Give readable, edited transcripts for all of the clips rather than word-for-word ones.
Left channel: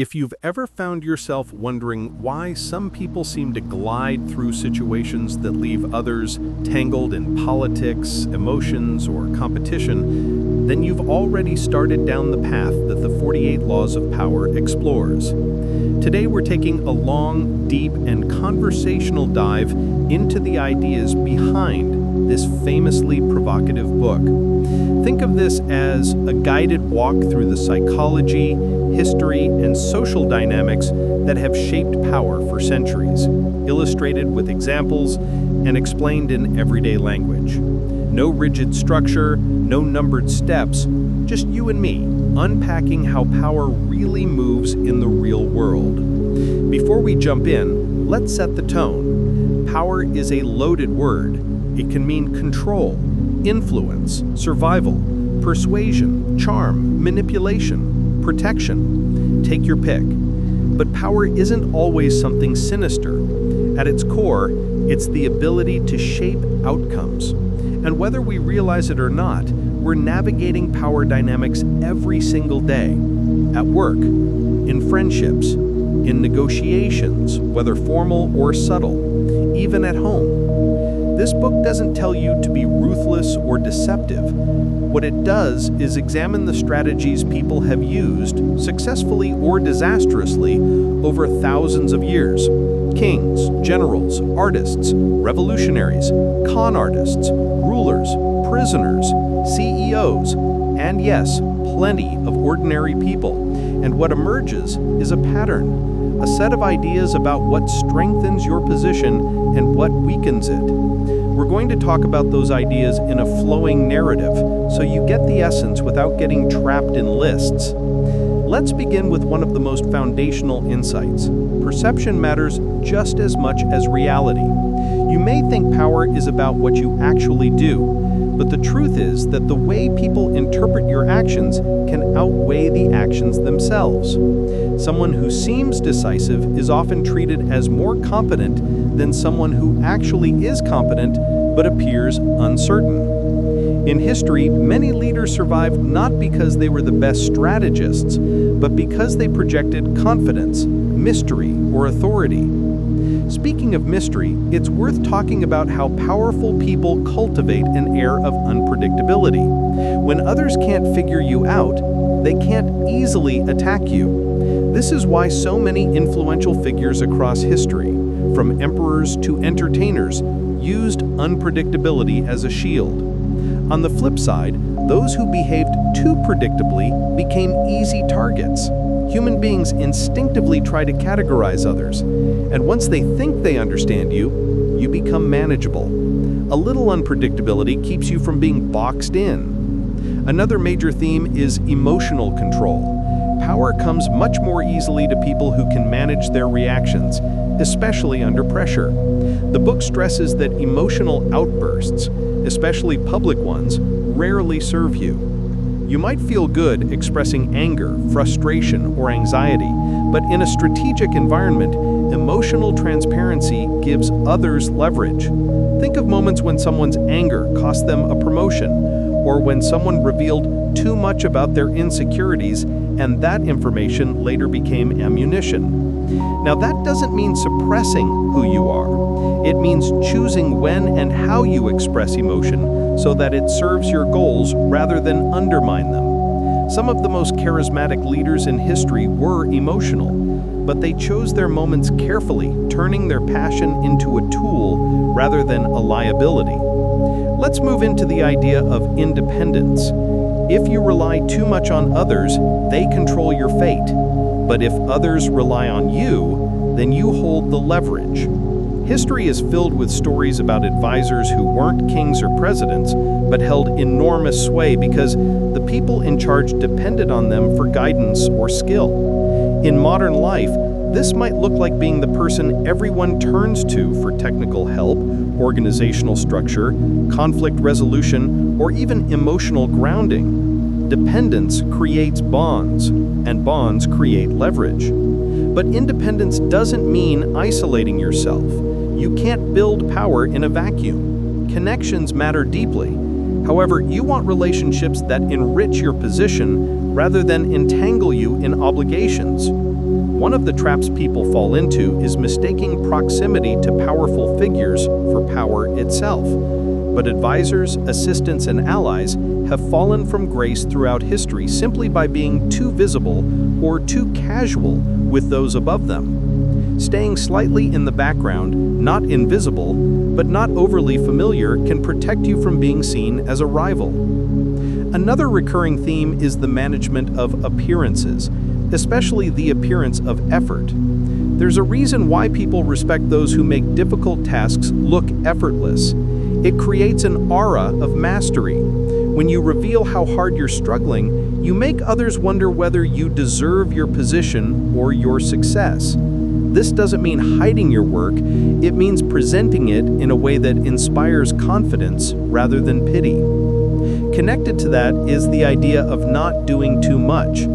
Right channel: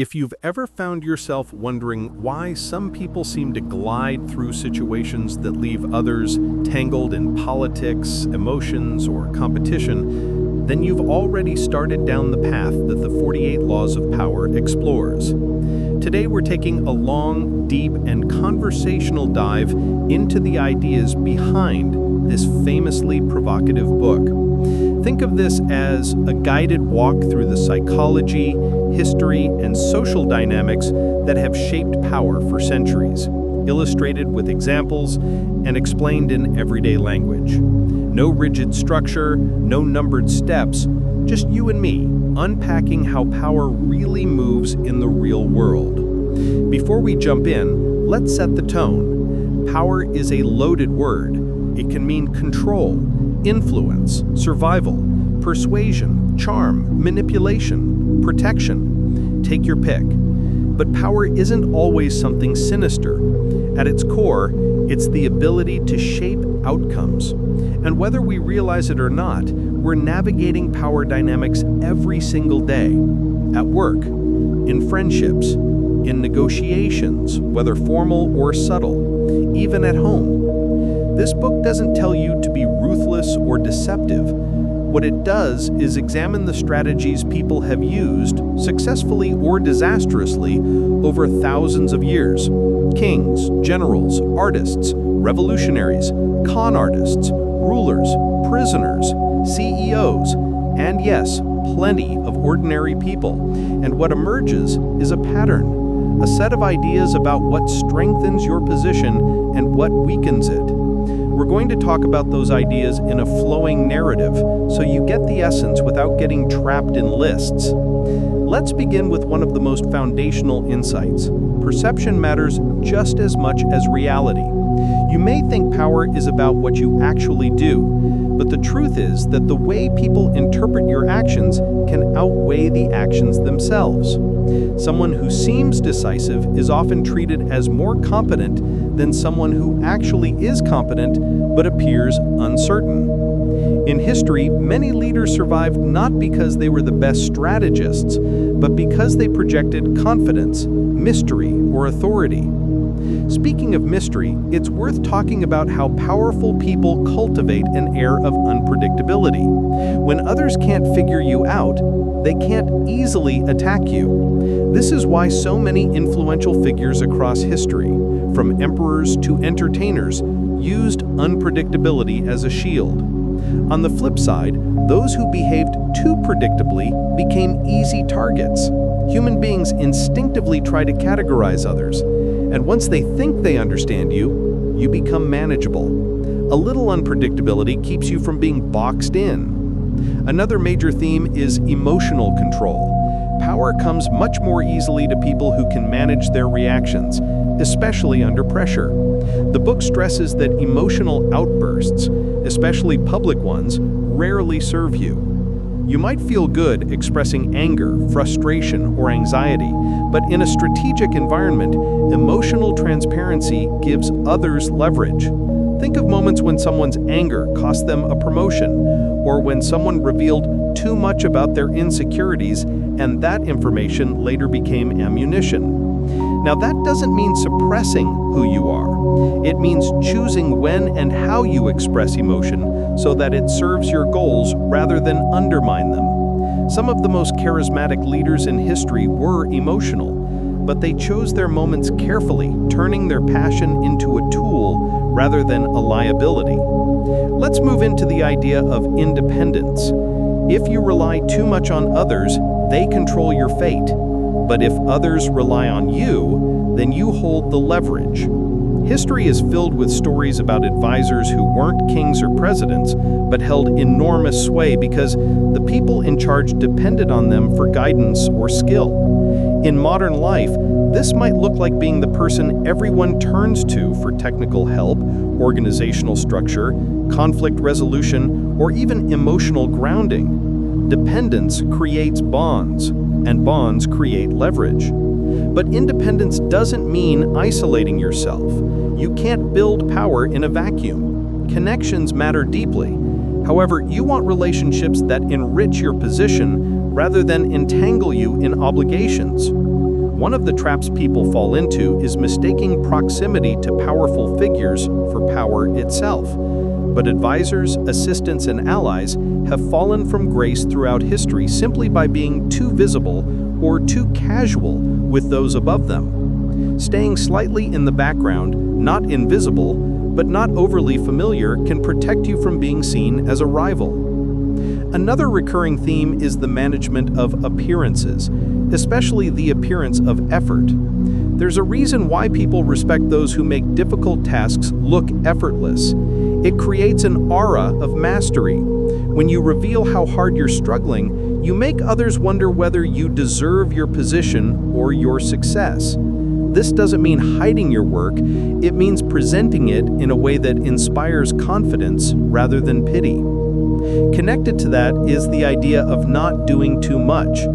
If you've ever found yourself wondering why some people seem to glide through situations that leave others tangled in politics, emotions, or competition, then you've already started down the path that the 48 Laws of Power explores. Today we're taking a long, deep, and conversational dive into the ideas behind this famously provocative book. Think of this as a guided walk through the psychology, history, and social dynamics that have shaped power for centuries, illustrated with examples and explained in everyday language. No rigid structure, no numbered steps, just you and me, unpacking how power really moves in the real world. Before we jump in, let's set the tone. Power is a loaded word. It can mean control, influence, survival, persuasion, charm, manipulation, protection. Take your pick. But power isn't always something sinister. At its core, it's the ability to shape outcomes. And whether we realize it or not, we're navigating power dynamics every single day. At work, in friendships, in negotiations, whether formal or subtle, even at home. This book doesn't tell you to be ruthless or deceptive. What it does is examine the strategies people have used, successfully or disastrously, over thousands of years. Kings, generals, artists, revolutionaries, con artists, rulers, prisoners, CEOs, and yes, plenty of ordinary people. And what emerges is a pattern, a set of ideas about what strengthens your position and what weakens it. We're going to talk about those ideas in a flowing narrative, so you get the essence without getting trapped in lists. Let's begin with one of the most foundational insights. Perception matters just as much as reality. You may think power is about what you actually do, but the truth is that the way people interpret your actions can outweigh the actions themselves. Someone who seems decisive is often treated as more competent than someone who actually is competent but appears uncertain. In history, many leaders survived not because they were the best strategists, but because they projected confidence, mystery, or authority. Speaking of mystery, it's worth talking about how powerful people cultivate an air of unpredictability. When others can't figure you out, they can't easily attack you. This is why so many influential figures across history, from emperors to entertainers, used unpredictability as a shield. On the flip side, those who behaved too predictably became easy targets. Human beings instinctively try to categorize others, and once they think they understand you, you become manageable. A little unpredictability keeps you from being boxed in. Another major theme is emotional control. Power comes much more easily to people who can manage their reactions, especially under pressure. The book stresses that emotional outbursts, especially public ones, rarely serve you. You might feel good expressing anger, frustration, or anxiety, but in a strategic environment, emotional transparency gives others leverage. Think of moments when someone's anger cost them a promotion, or when someone revealed too much about their insecurities and that information later became ammunition. Now, that doesn't mean suppressing who you are. It means choosing when and how you express emotion so that it serves your goals rather than undermine them. Some of the most charismatic leaders in history were emotional, but they chose their moments carefully, turning their passion into a tool rather than a liability. Let's move into the idea of independence. If you rely too much on others, they control your fate. But if others rely on you, then you hold the leverage. History is filled with stories about advisors who weren't kings or presidents, but held enormous sway because the people in charge depended on them for guidance or skill. In modern life, this might look like being the person everyone turns to for technical help, organizational structure, conflict resolution, or even emotional grounding. Dependence creates bonds, and bonds create leverage. But independence doesn't mean isolating yourself. You can't build power in a vacuum. Connections matter deeply. However, you want relationships that enrich your position rather than entangle you in obligations. One of the traps people fall into is mistaking proximity to powerful figures for power itself. But advisors, assistants, and allies have fallen from grace throughout history simply by being too visible or too casual with those above them. Staying slightly in the background, not invisible, but not overly familiar, can protect you from being seen as a rival. Another recurring theme is the management of appearances, especially the appearance of effort. There's a reason why people respect those who make difficult tasks look effortless. It creates an aura of mastery. When you reveal how hard you're struggling, you make others wonder whether you deserve your position or your success. This doesn't mean hiding your work, it means presenting it in a way that inspires confidence rather than pity. Connected to that is the idea of not doing too much.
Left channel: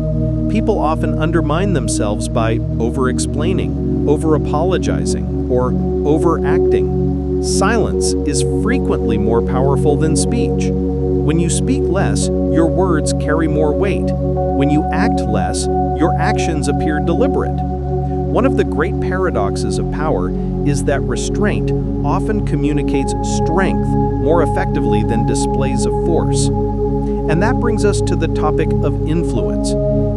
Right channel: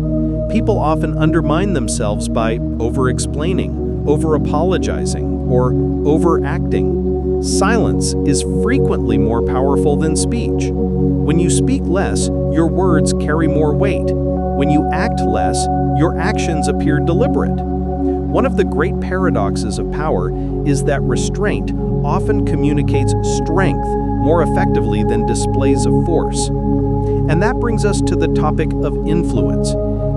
People often undermine themselves by over-explaining, over-apologizing, or overacting. Silence is frequently more powerful than speech. When you speak less, your words carry more weight. When you act less, your actions appear deliberate. One of the great paradoxes of power is that restraint often communicates strength more effectively than displays of force. And that brings us to the topic of influence.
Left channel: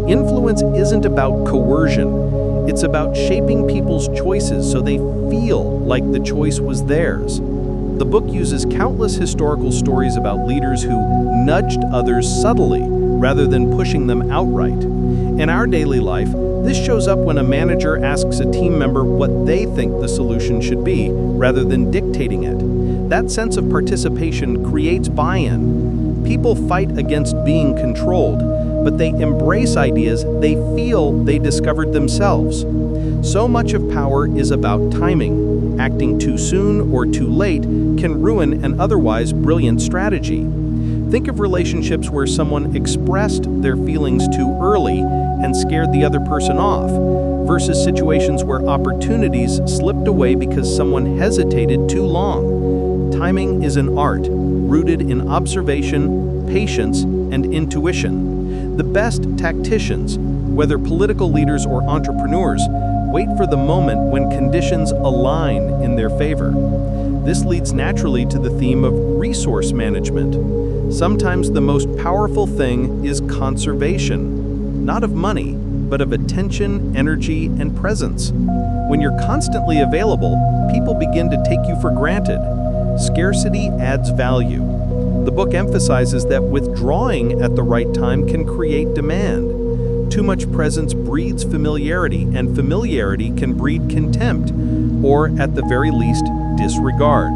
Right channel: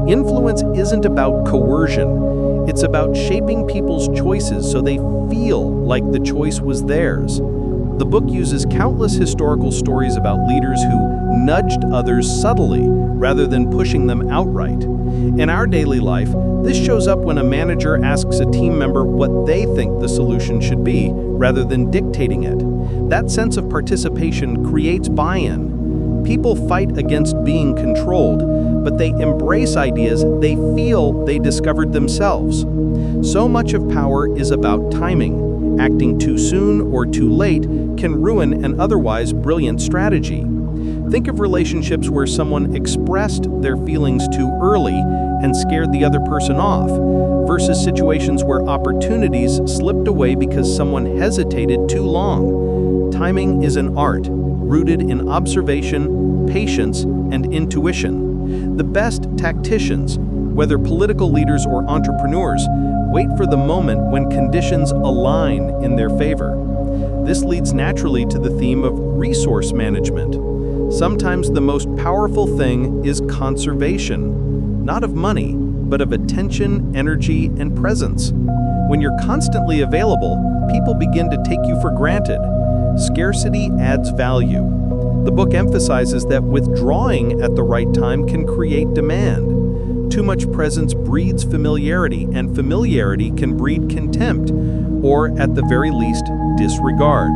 Influence isn't about coercion. It's about shaping people's choices so they feel like the choice was theirs. The book uses countless historical stories about leaders who nudged others subtly rather than pushing them outright. In our daily life, this shows up when a manager asks a team member what they think the solution should be rather than dictating it. That sense of participation creates buy-in. People fight against being controlled, but they embrace ideas they feel they discovered themselves. So much of power is about timing. Acting too soon or too late can ruin an otherwise brilliant strategy. Think of relationships where someone expressed their feelings too early and scared the other person off, versus situations where opportunities slipped away because someone hesitated too long. Timing is an art, rooted in observation, patience, and intuition. The best tacticians, whether political leaders or entrepreneurs, wait for the moment when conditions align in their favor. This leads naturally to the theme of resource management. Sometimes the most powerful thing is conservation, not of money, but of attention, energy, and presence. When you're constantly available, people begin to take you for granted. Scarcity adds value. The book emphasizes that withdrawing at the right time can create demand. Too much presence breeds familiarity, and familiarity can breed contempt, or at the very least, disregard.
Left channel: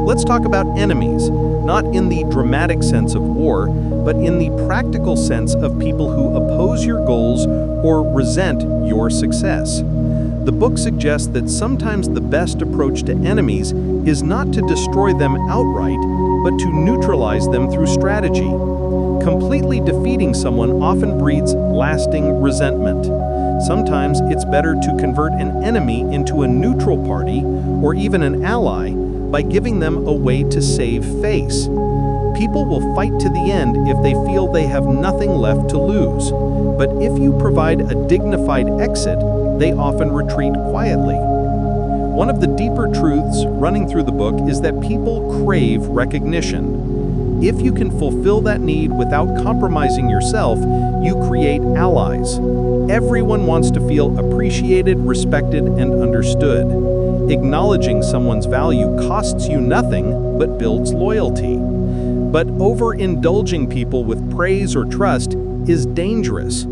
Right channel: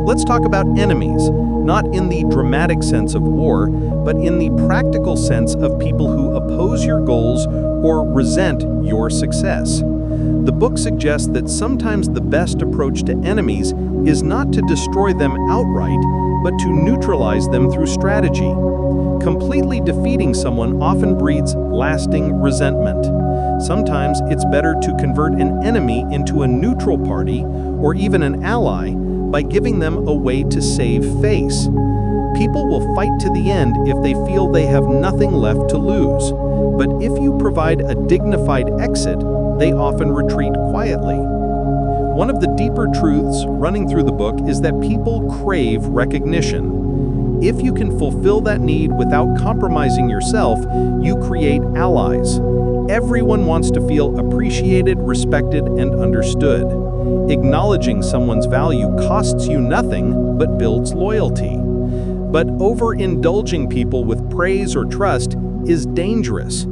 Let's talk about enemies, not in the dramatic sense of war, but in the practical sense of people who oppose your goals or resent your success. The book suggests that sometimes the best approach to enemies is not to destroy them outright, but to neutralize them through strategy. Completely defeating someone often breeds lasting resentment. Sometimes it's better to convert an enemy into a neutral party or even an ally by giving them a way to save face. People will fight to the end if they feel they have nothing left to lose. But if you provide a dignified exit, they often retreat quietly. One of the deeper truths running through the book is that people crave recognition. If you can fulfill that need without compromising yourself, you create allies. Everyone wants to feel appreciated, respected, and understood. Acknowledging someone's value costs you nothing, but builds loyalty. But overindulging people with praise or trust is dangerous.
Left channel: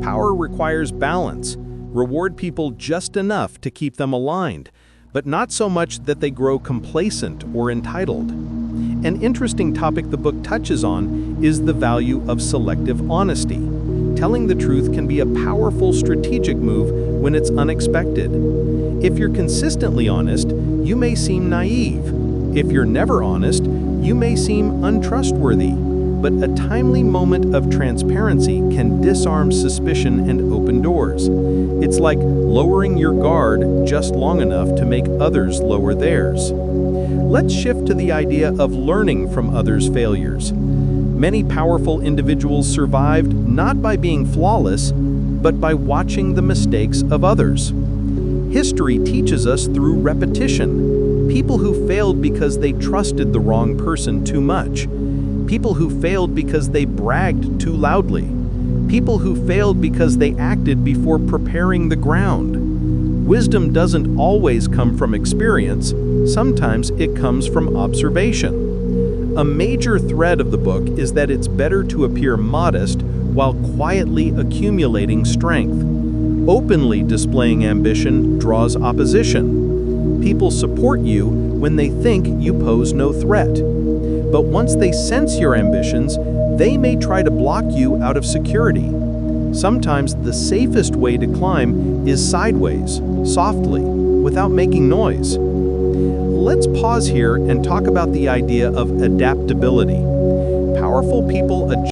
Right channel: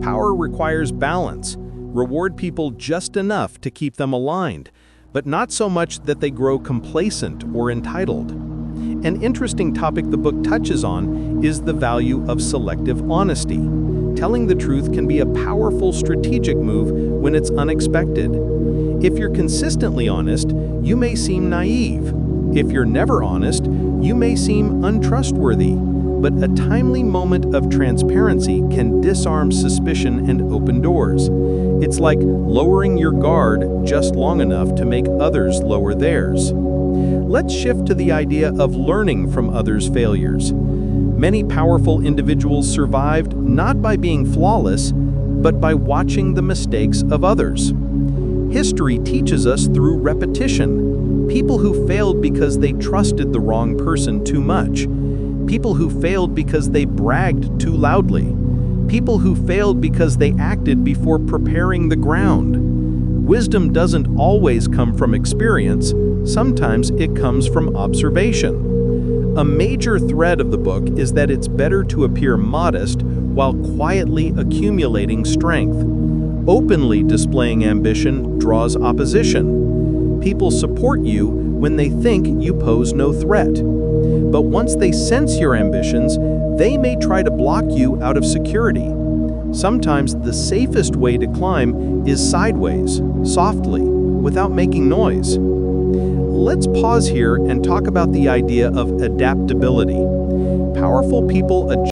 Power requires balance. Reward people just enough to keep them aligned, but not so much that they grow complacent or entitled. An interesting topic the book touches on is the value of selective honesty. Telling the truth can be a powerful strategic move when it's unexpected. If you're consistently honest, you may seem naive. If you're never honest, you may seem untrustworthy. But a timely moment of transparency can disarm suspicion and open doors. It's like lowering your guard just long enough to make others lower theirs. Let's shift to the idea of learning from others' failures. Many powerful individuals survived not by being flawless, but by watching the mistakes of others. History teaches us through repetition. People who failed because they trusted the wrong person too much. People who failed because they bragged too loudly. People who failed because they acted before preparing the ground. Wisdom doesn't always come from experience, sometimes it comes from observation. A major thread of the book is that it's better to appear modest while quietly accumulating strength. Openly displaying ambition draws opposition. People support you when they think you pose no threat. But once they sense your ambitions, they may try to block you out of security. Sometimes the safest way to climb is sideways, softly, without making noise. Let's pause here and talk about the idea of adaptability. Powerful people adjust